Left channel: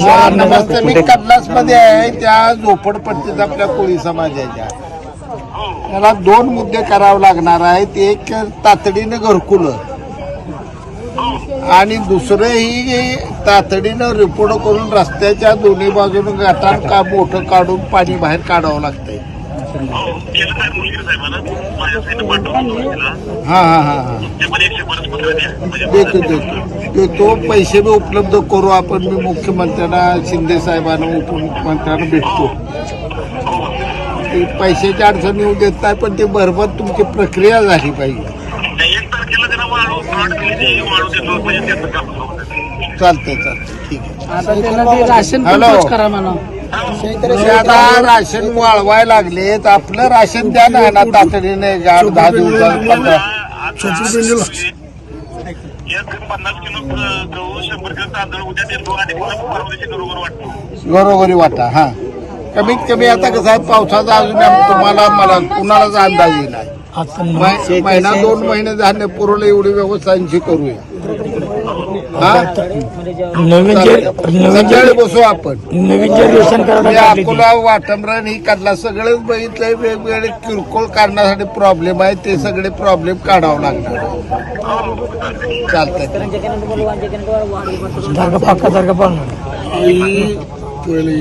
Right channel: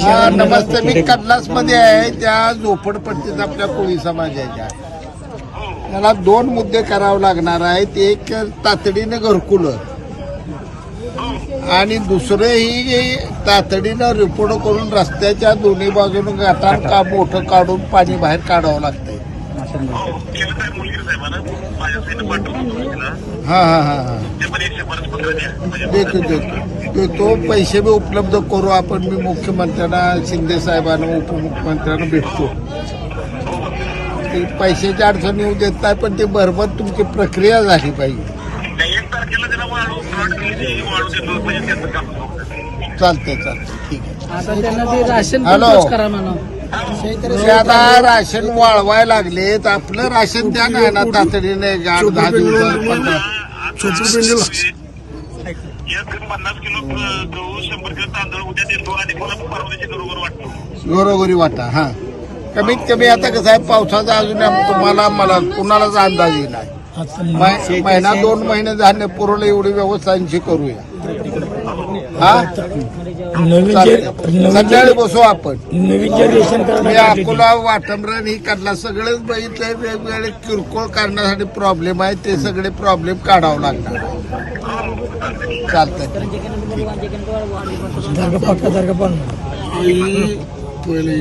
हा, नमस्ते. मी कडलासमध्ये आहे. त्या झोपडपट्टीत आपल्या कोळी समाजाच्या त्याला दोन मुद्दे करावे लागणार आहेत. एक तातडीनं घरकुल. आणि दुसरं ही तातडीनं रिपोर्ट करून रस्त्याच्या दोन्ही बाजूने गटार का मोठं काढून पाणी बाहेर काढावं लागतंय. हो हा हा हा. देतो देतो. देतो पैसे बी उपलब्ध करू आपण मी मुख्यमंत्र्यांना शिंदे साहेबांना उपमुख्यमंत्र्यांना भेटतो. ते पैशाची अडचण येऊ देत नाही पण ते बरोबर तुमची प्रक्रिया झाली पाहिजे. चालतंय चालतंय. ठीक आहे. आता त्यांना ते राशन हॅलो. करा म्हणा. ते आता राशन वाळवायला लागले तर आपलं राशन द्या ना ना तातडीने आठ दहा दिवसात पंधरा. एक पन्नास किलो गहू शंभर किलो तांदूळ उद्या देतो आणि बरोबर वाटतो. घरोघरी वाटा हा. कमीत कमी आता कसं आहे पावसाचा अजून आम- तुम्हाला मला कुणालाच अंदाज येईल मै- महिना दोन महिने धान्य पुरवलं एवढी व्यवस्थांची करूया. हा? नवीन बसू आपण. नवीन जे रेशन कार्ड मी काढले अकोला वाटमरान ही काढला. सगळेच बघितलंय वेगवेगळे किरकोळ काढण्यासाठी प्रॉब्लेम आहे. ते सगळे प्रॉब्लेम काढावं लागणार. चालतंय. पहिले